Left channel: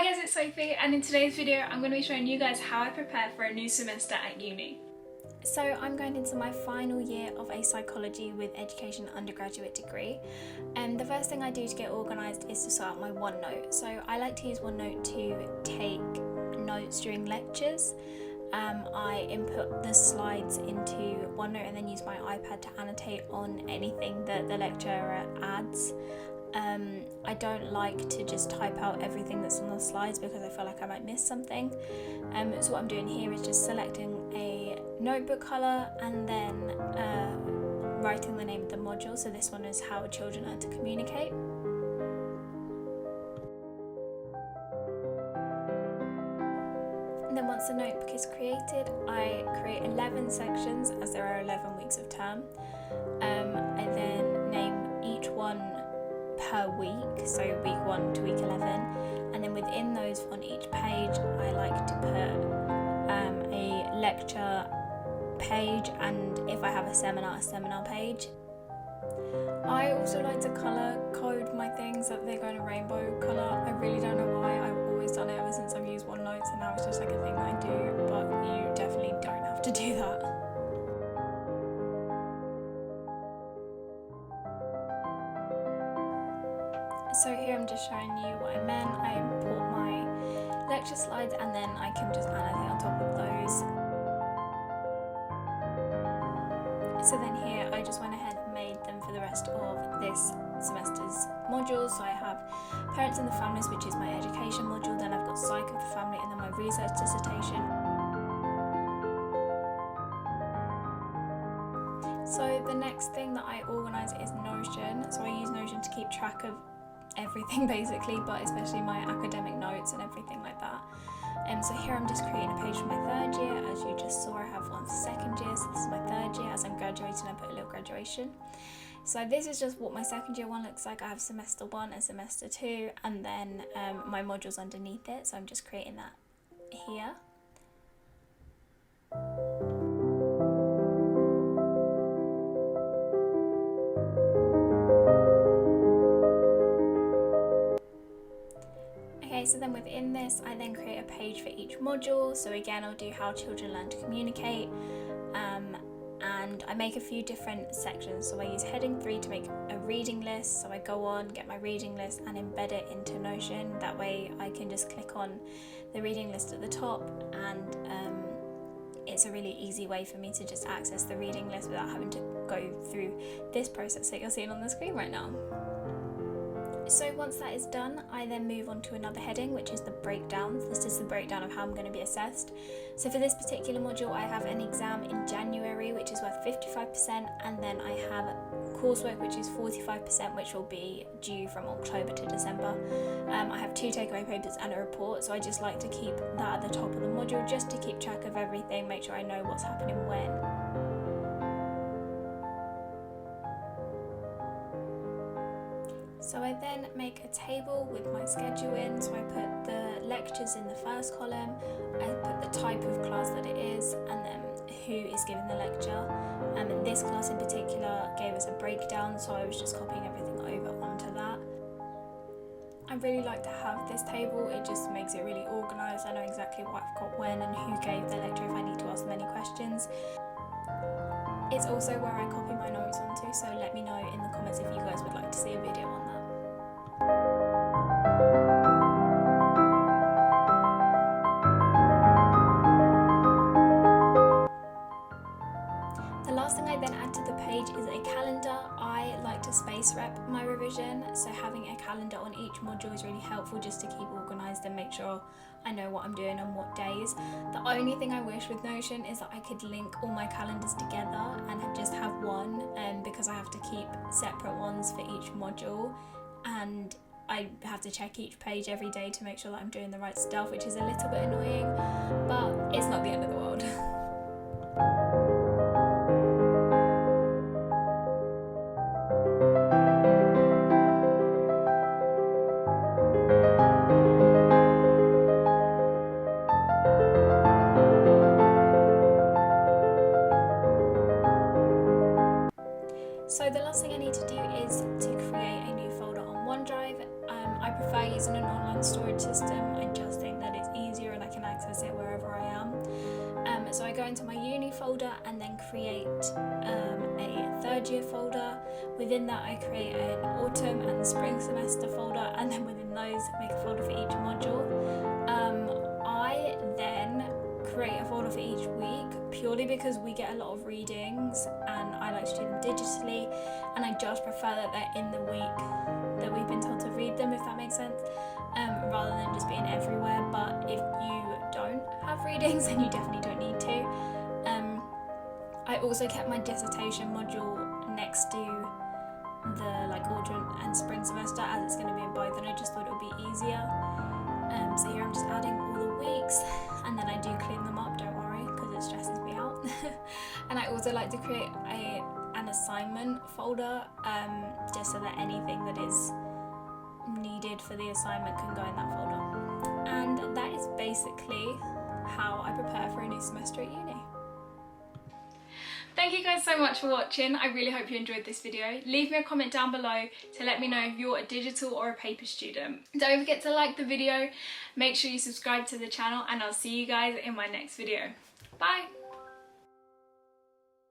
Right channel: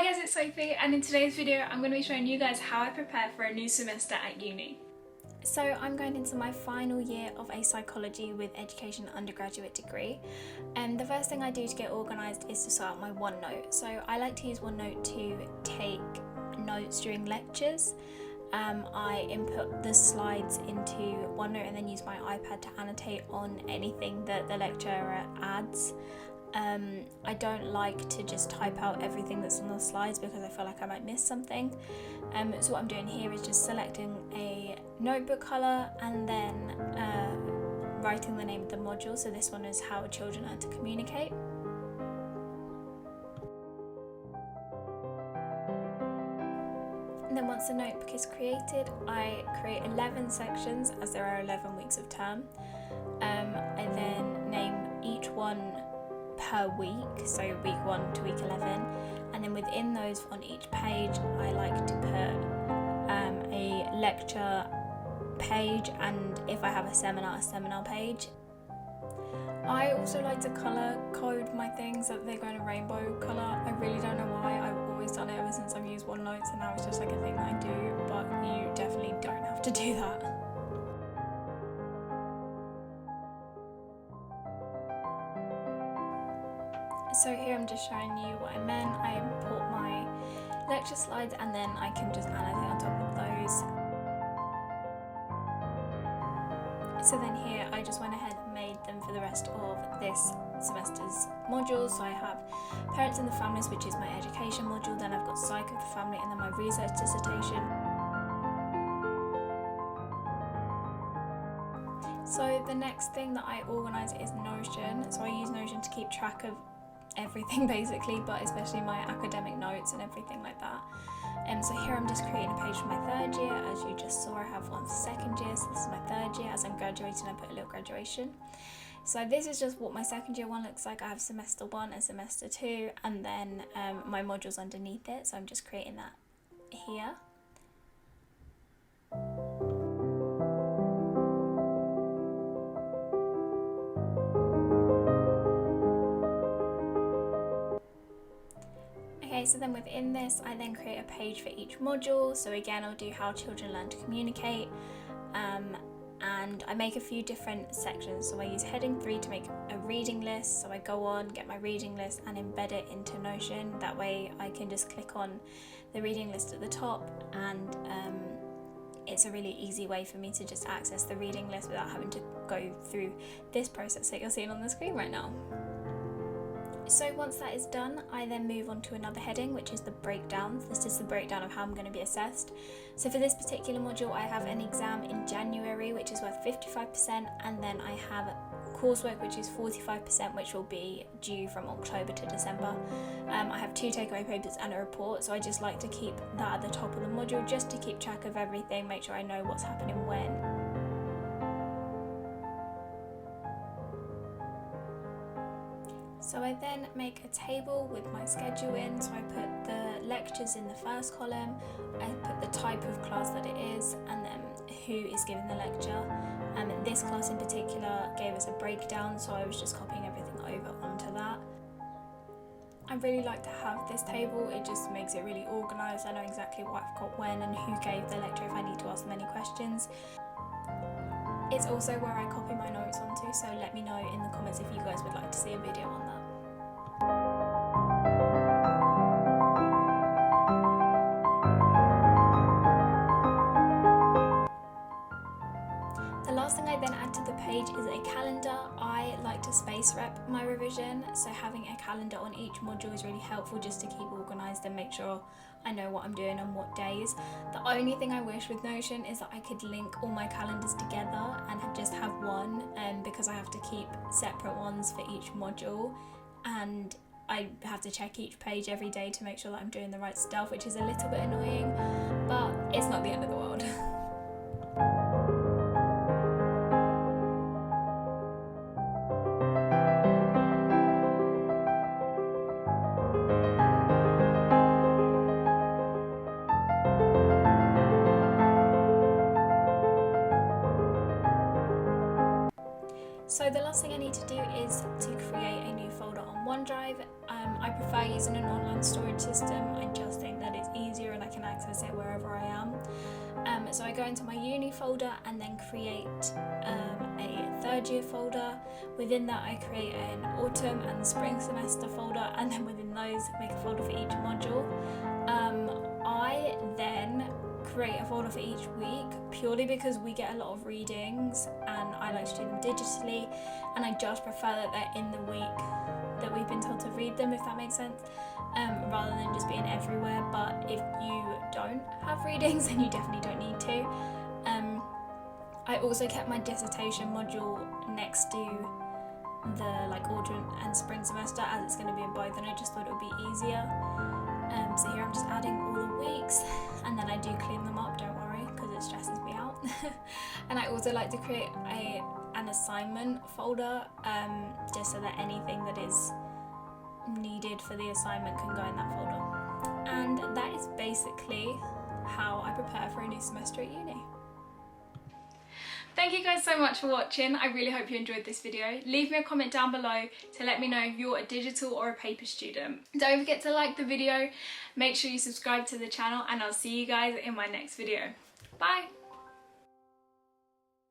Hi guys, it's Sophie, and in today's video I'm going to be showing you guys how I prepare for a new semester at uni. So I'm going into my final year of a psychology with education undergraduate degree, and the first thing I do to get organised is to sort out my OneNote. So I like to use OneNote to take notes during lectures. I input the slides into OneNote and then use my iPad to annotate on anything that the lecturer adds. I don't like to just type out everything that's on the slides because I feel like I might miss something. So what I'm doing here is just selecting a notebook colour and then writing the name of the module. So this one is how children learn to communicate. And then once the notebook is created, I create 11 sections as there are 11 weeks of term. I then name each one per week, so week 1 to week 11, and then within those on each page I like to put a lecture page, and if I have a seminar page. I also like to colour code my things so that they go in a rainbow colour. I really don't know why, I've always done it ever since I've used OneNote, so now it's just like a thing that I do, but you definitely don't have to do that. So here I'm just showing you what I meant. I import my lecture slides and then I can just annotate on top of those. So then here I just went ahead and made them for the rest of this semester's modules. So I have Parents and the Families, which is my education module, then I've got Psych of the Family, and then my research dissertation. So the next thing that I organise is Notion. So I use Notion to keep track of everything basically, but especially my academic notes and everything like that. So here I'm just creating a page for my third year. As you just saw, I have one for second year, so this is my third year. As I'm graduating, I put a little graduation. So this is just what my second year one looks like. I have semester 1 and semester 2, and then my modules underneath it, so I'm just creating that here. Okay, so then within this, I then create a page for each module. So again, I'll do how children learn to communicate, and I make a few different sections. So I use heading 3 to make a reading list. So I go on, get my reading list and embed it into Notion. That way I can just click on the reading list at the top, and it's a really easy way for me to just access the reading list without having to go through this process that you're seeing on the screen right now. So once that is done, I then move on to another heading, which is the breakdowns. This is the breakdown of how I'm going to be assessed. So for this particular module, I have an exam in January, which is worth 55%, and then I have coursework, which is 45%, which will be due from October to December. I have 2 takeaway papers and a report, so I just like to keep that at the top of the module, just to keep track of everything, make sure I know what's happening when. So I then make a table with my schedule in. So I put the lectures in the first column, I put the type of class that it is, and then who is giving the lecture. And this class in particular gave us a breakdown, so I was just copying everything over onto that. I really like to have this table, it just makes it really organised. I know exactly what I've got when and who gave the lecture if I need to ask them any questions. It's also where I copy my notes onto, so let me know in the comments if you guys would like to see a video on that. The last thing I then add to the page is a calendar. I like to space rep my revision, so having a calendar on each module is really helpful just to keep organised and make sure I know what I'm doing on what days. The only thing I wish with Notion is that I could link all my calendars together and just have one, because I have to keep separate ones for each module, and I have to check each page every day to make sure that I'm doing the right stuff, which is a little bit annoying, but it's not the end of the world. So the last thing I need to do is to create a new folder on OneDrive. I prefer using an online storage system. I folder and I can access it wherever I am. So I go into my uni folder and then create a third year folder. Within that I create an autumn and spring semester folder, and then within those make a folder for each module. I then create a folder for each week purely because we get a lot of readings and I like to do them digitally, and I just prefer that they're in the week that we've been told to read them, if that makes sense, rather than just being everywhere. But if you don't have readings, then you definitely don't need to. I also kept my dissertation module next to the like autumn and spring semester, as it's going to be in both, and I just thought it would be easier. So here I'm just adding all the weeks, and then I do clean them up, don't worry, because it stresses me out. And I also like to create an assignment folder, just so that anything that is needed for the assignment can go in that folder. And that is basically how I prepare for a new semester at uni. Thank you guys so much for watching. I really hope you enjoyed this video. Leave me a comment down below to let me know if you're a digital or a paper student. Don't forget to like the video, make sure you subscribe to the channel, and I'll see you guys in my next video. Bye!